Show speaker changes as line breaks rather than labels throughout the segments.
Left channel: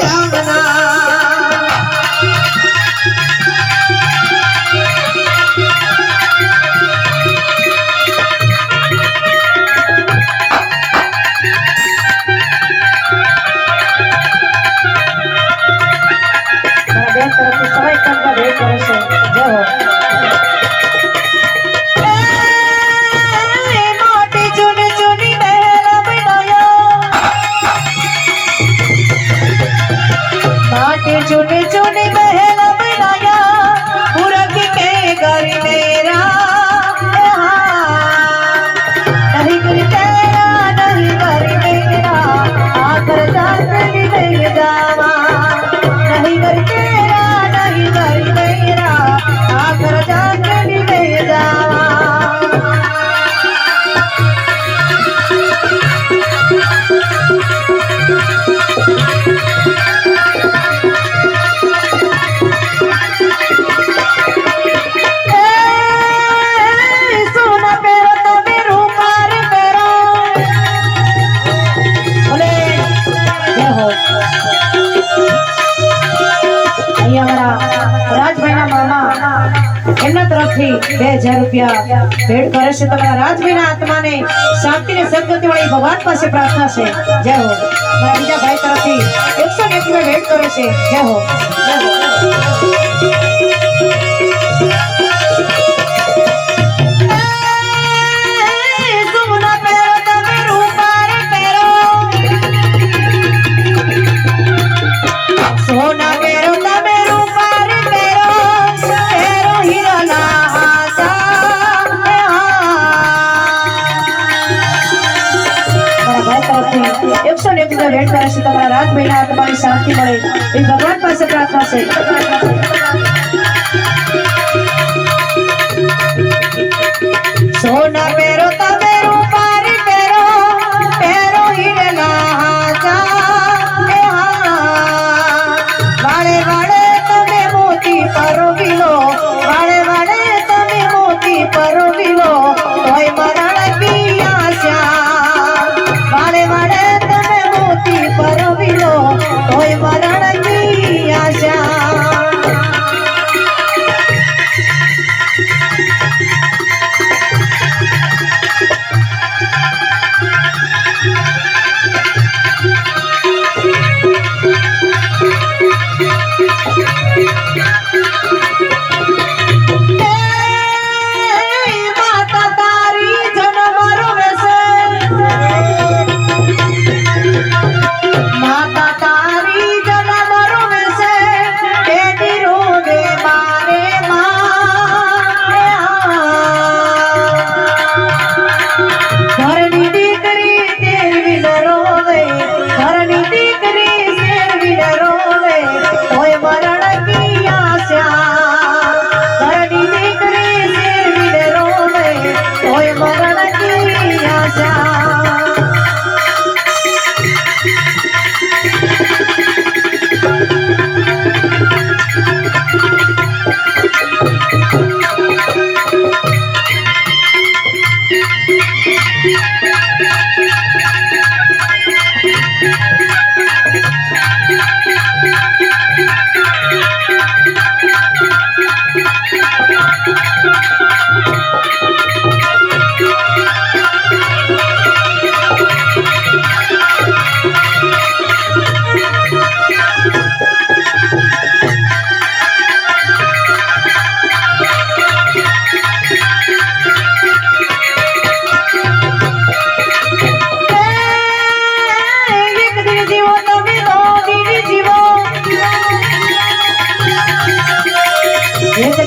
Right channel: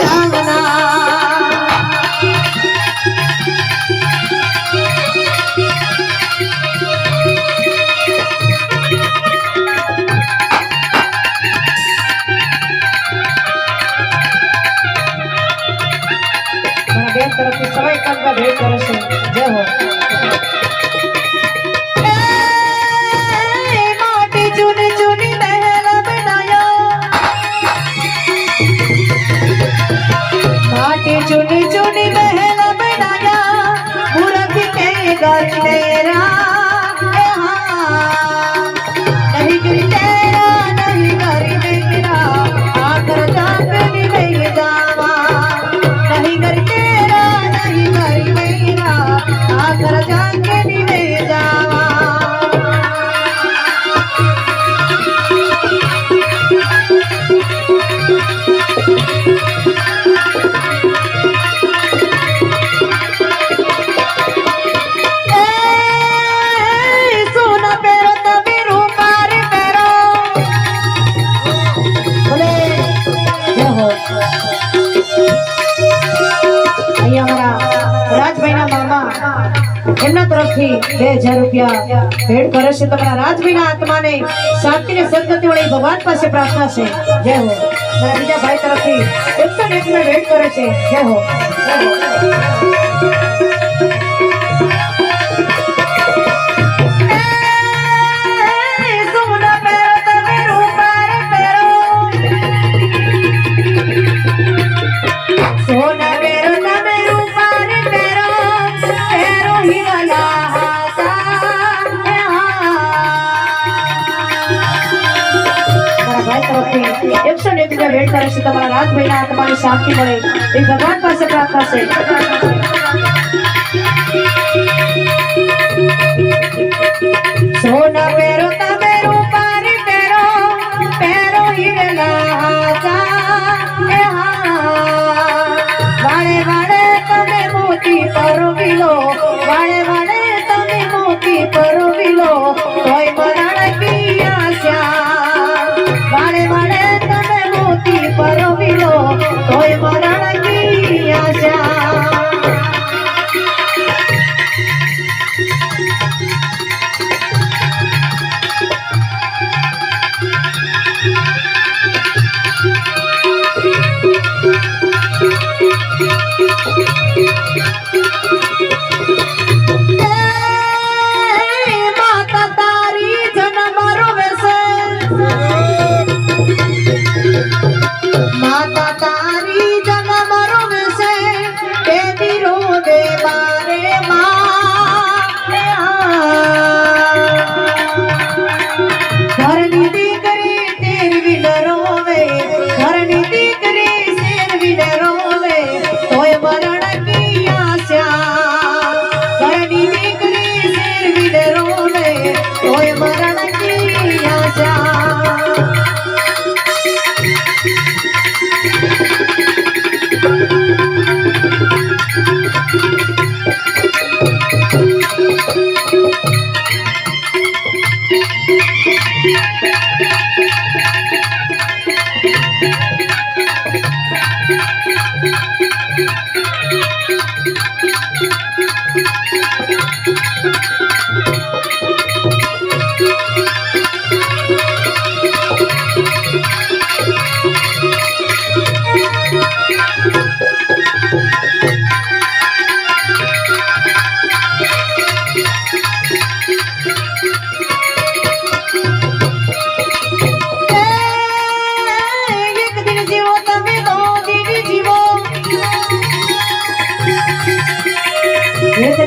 বাংলা અહીંયા અમારા રાજભાઈના મામા એમના તરફથી બે હજાર રૂપિયા ભેટ કરે છે. તમારા રાજભાઈના આત્માને શાંતિ ને સદગતિ મળી ભગવાન પાસે પ્રાર્થના છે. જય હો. મારા તરફથી એકસો એક ભેટ કરે છે. જય હો. તરફથી એકસો ને એક રૂપિયા ભેટ કરે છે તમારા રાજભાઈના તમારી શાંતિ મળે. એ ભગવાન પાસે પ્રાર્થના છે. સોના એ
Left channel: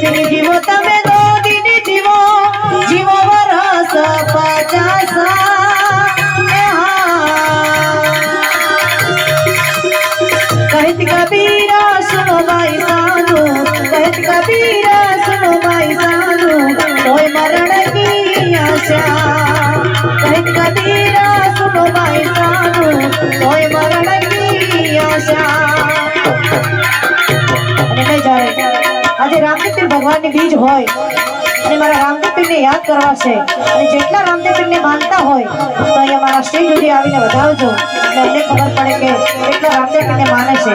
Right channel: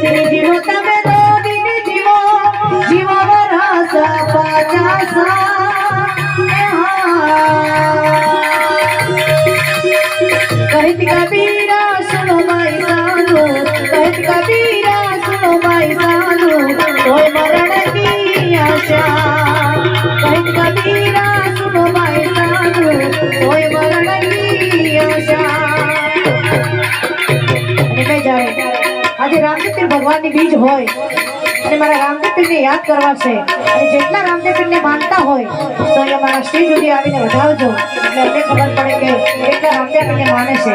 એક દિન આજે રામચંદ્ર ભગવાનની બીજ હોય, અને મારા રામદેવપીરને યાદ કરવા છે, અને જેટલા રામદેવપીરને માનતા હોય, તો અહીંયા મારા સ્ટેજ સુધી આવીને વધાવજો એટલે અમને ખબર પડે કે કેટલા રામદેવપીરને માને છે.